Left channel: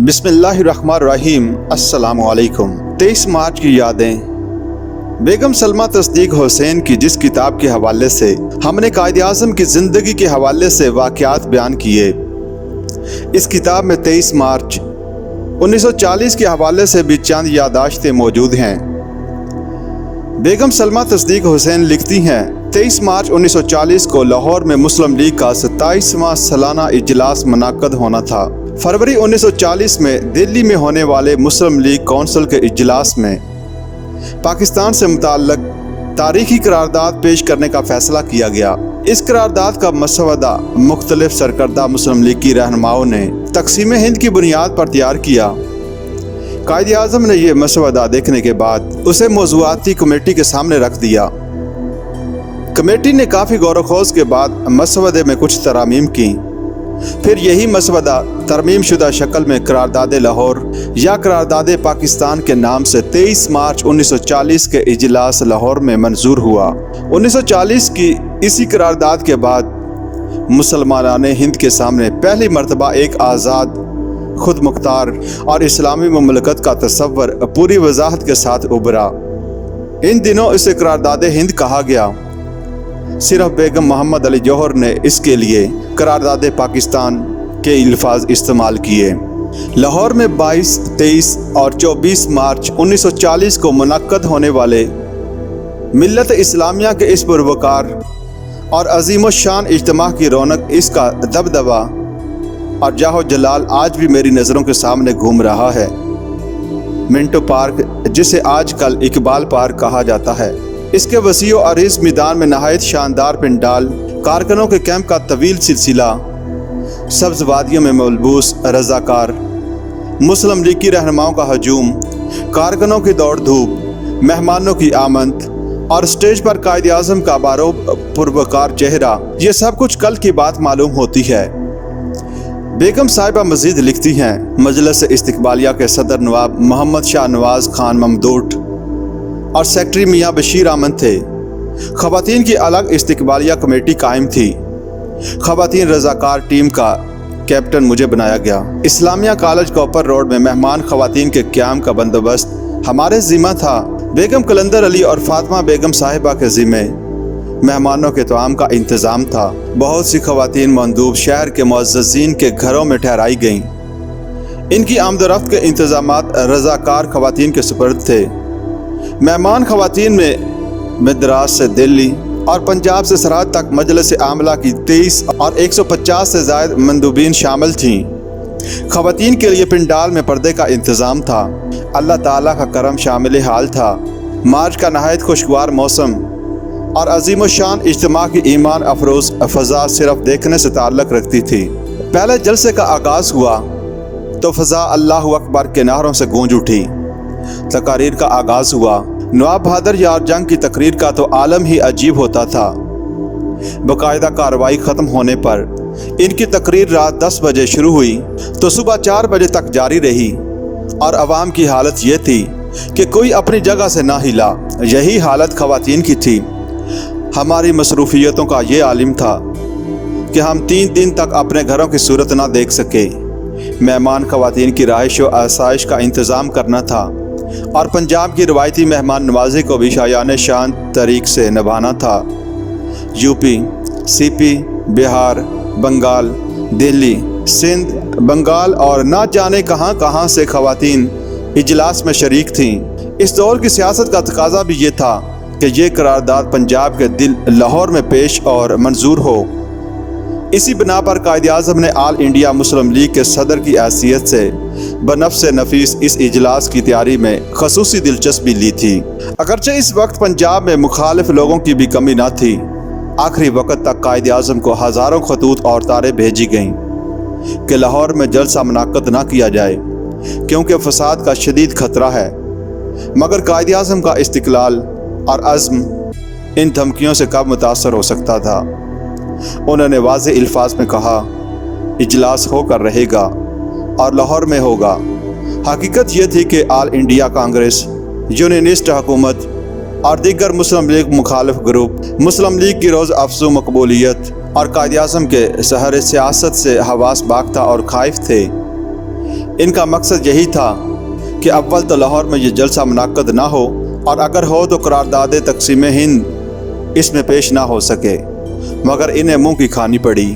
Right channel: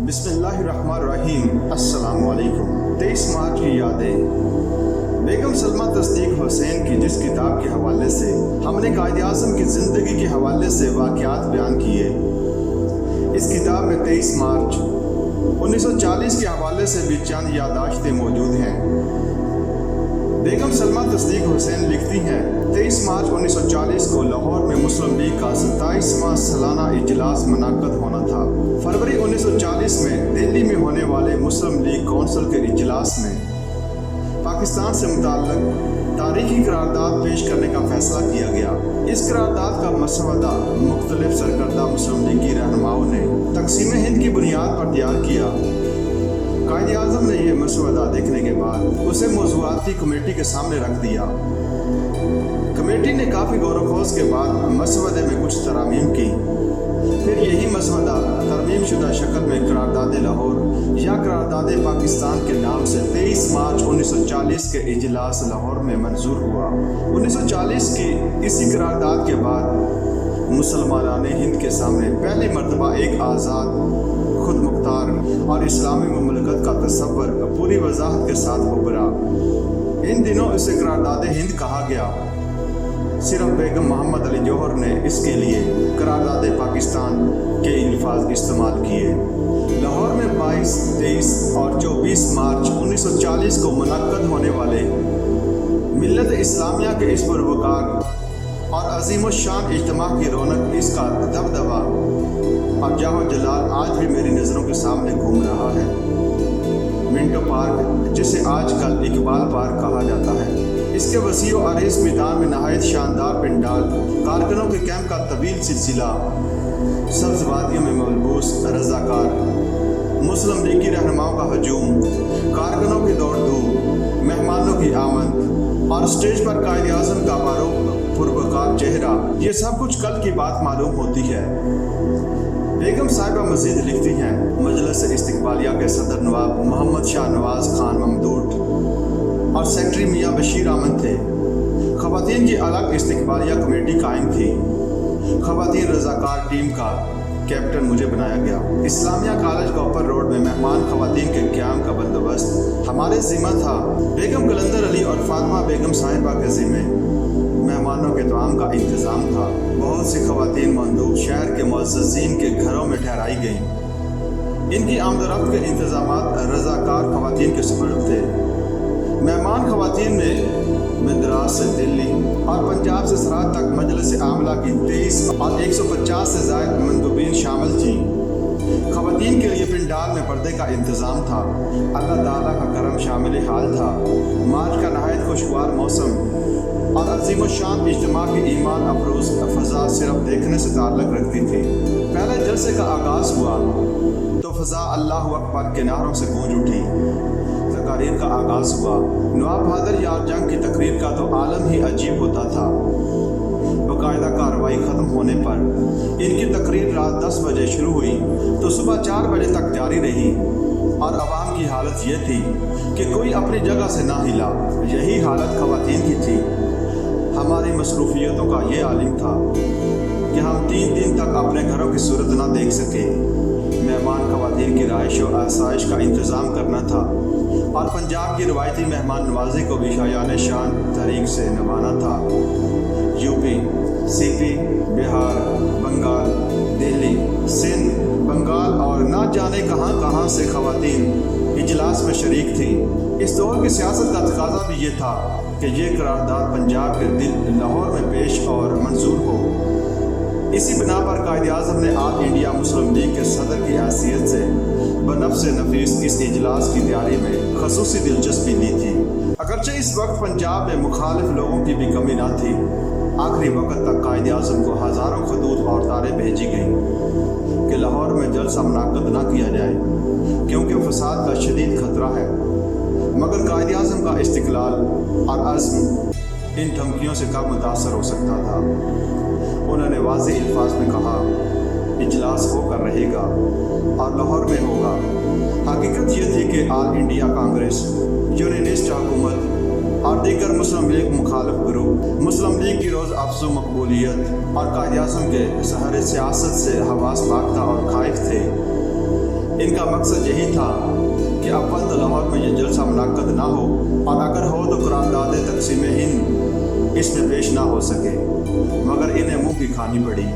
बिस्मिल्लाहिर्रहमानिर्रहीम। अस्सलामु अलैकुम। 23 मार्च की यादें। बेगम सलमा तस्दीक हुसैन की जिस किताब के हवाले से हमने कायद आज़म की ज़िंदगी के हवाले से वाक़यात बयान किए, इस किताब में 23 मार्च 1940 के हवाले से भी चंद याददाश्तें मौजूद हैं। बेगम सलमा तस्दीक हुसैन लिखती हैं, 23 मार्च 1940 को लाहौर में मुस्लिम लीग का 27वां सालाना इजलास मुनक्कद होना था। फरवरी 1940 में दिल्ली में होने वाले मुस्लिम लीग कौंसिल के इजलास में पाकिस्तान से मुताल्लिक़ तारीखी करारदाद पेश करने का फ़ैसला किया गया। इस करारदाद का मसवदा मुख्तलिफ सरकर्दा मुस्लिम लीग की रहनुमाओं ने तक़सीम हिंद की बुनियाद पर तैयार किया। कायद आज़म ने यह मसवदा देखने के बाद उसे मौज़ूआती कमेटी के सामने रख दिया। कमेटी ने काफ़ी गौर व खोज के बाद मसवदे में कुछ तरामीम की। फिर यही मसवदा तरमीम शुदा शक्ल में करारदाद लाहौर या करारदाद पाकिस्तान के नाम से 23 मार्च 1940 के इजलास लाहौर में मंजूर हुआ। 1940 की इसी करारदाद के बाद मुसलमानान हिंद के सामने पहली मरतबा एक आज़ाद, खुद मुख्तार और इस्लामी ममलकत का तस्वर पूरी वजाहत के साथ उभरा। इन दिनों इसे करारदाद हिंद कहा गया। सिर्फ बेगम मोहम्मद अली जौहर ने इसके लिए करारदाद पाकिस्तान के अल्फाज इस्तेमाल किए। लाहौर में 22, 23 और 24 मार्च 1940 को मुनक्कद होने वाले मिल्लत इस्लामिया के इस पुरवकार और अजीम शान इज्तिमा की रौनक, इसका दबदबा और जाहो जलाल आज भी मेरी नज़रों के सामने घूम रहा है। मिंटो पार्क, जिसे आजकल इकबाल पार्क कहा जाता है, इसके वसीओ अरीज़ मैदान में नहायत शानदार पिंडाल, कारकुनों के कैंप का तवील सिलसिला, सब्ज़ वादियों में मलबूस रज़ाकार, मुस्लिम लीग की रहनुमाओं का हजूम, कारकुनों की दौड़ धूप, मेहमानों की आमद और स्टेज पर कायद आज़म का बारो पुरवकार चेहरा, ये सब कुछ कल की बात मालूम होती है। बेगम साहिबा मज़ीद लिखती हैं, मजलिस इस्तकबालिया के सदर नवाब मोहम्मद शाह नवाज़ खान ममदूट और सेक्रेटरी मियाँ बशीर अहमद थे। ख़वातीन की अलग इस्तकबालिया कमेटी कायम थी। ख़वातीन रज़ाकार टीम का कैप्टन मुझे बनाया गया। इस्लामिया कॉलेज कॉपर रोड में मेहमान ख़वातीन के क़याम का बंदोबस्त हमारे ज़िम्मा था। बेगम कलंदर अली और फातिमा बेगम साहिबा के ज़िम्मे मेहमानों के तआम का इंतज़ाम था। बहुत सी ख़वातीन मंदूब शहर के मुअज़्ज़ज़ीन के घरों में ठहराई गईं। इनकी आमदरफ्त के इंतज़ामात रज़ाकार ख़वातीन के सुपर्द थे। मेहमान ख़वातीन में मद्रास से दिल्ली और पंजाब से सरहद तक मजलिस आमला की 23 और 150 से ज़ायद मंदूबीन शामिल थीं। ख़वातीन के लिए पिंडाल में पर्दे का इंतज़ाम था। अल्लाह ताला का करम शामिल हाल था। मार्च का नहायत खुशगवार मौसम और अजीम शान इज्तिमा की ईमान अफरोज़ फ़ज़ा सिर्फ देखने से ताल्लुक़ रखती थी। पहले जलसे का आगाज़ हुआ तो फ़ज़ा अल्लाहु अकबर के नारों से गूंज उठी। तकारीर का आगाज़ हुआ। नवाब बहादुर यार जंग की तकरीर का तो आलम ही अजीब होता था। बाकायदा कार्रवाई ख़त्म होने पर इनकी तकरीर रात 10 बजे शुरू हुई तो सुबह 4 बजे तक जारी रही और अवाम की हालत ये थी कि कोई अपनी जगह से ना हिला। यही हालत ख़वातीन की थी। हमारी मसरूफियतों का ये आलिम था कि हम 3 दिन तक अपने घरों की सूरत ना देख सके। मेहमान ख़वातीन की रहाइश व आसाइश का इंतज़ाम करना था और पंजाब की रवायती मेहमान नवाजी को भी शायान शान तरीक़ से निभाना था। यूपी, सीपी, बिहार, बंगाल, दिल्ली, सिंध, बंगाल और ना जाने कहाँ कहाँ से ख़वातीन इजलास में शरीक थीं। इस दौर की सियासत का तकाजा भी ये था कि ये करारदाद पंजाब के दिल लाहौर में पेश और मंजूर हो। इसी बिना पर कायद आज़म ने आल इंडिया मुस्लिम लीग के सदर की हैसियत से बनफ्स नफीस इस इजलास की तैयारी में खसूसी दिलचस्पी ली थी। अगरचे इस वक्त पंजाब में मुखालिफ लोगों की भी कमी न थी। आखिरी वक्त तक कायद आज़म को हज़ारों खतूत और तारें भेजी गईं कि लाहौर में जलसा मुनक्कद न किया जाए क्योंकि फसाद का शदीद खतरा है। मगर कायद आज़म का इस्तिक़लाल और अज़्म इन धमकियों से कब मुतासर हो सकता था। उन्होंने वाज़ेह अल्फाज में कहा, इजलास होकर रहेगा और लाहौर में होगा। हकीकत ये थी कि आल इंडिया कांग्रेस, यूनियनिस्ट हुकूमत और दीगर मुस्लिम लीग मुखालिफ ग्रुप मुस्लिम लीग की रोज़ अफजू मकबूलियत और कायद आज़म के सहर सियासत से हवास बाग था और खाइफ थे। ان کا مقصد یہی تھا کہ اول تو لاہور میں یہ جلسہ منعقد نہ ہو، اور اگر ہو تو قرارداد تقسیم ہند اس میں پیش نہ ہو سکے، مگر انہیں منہ کی کھانی پڑی۔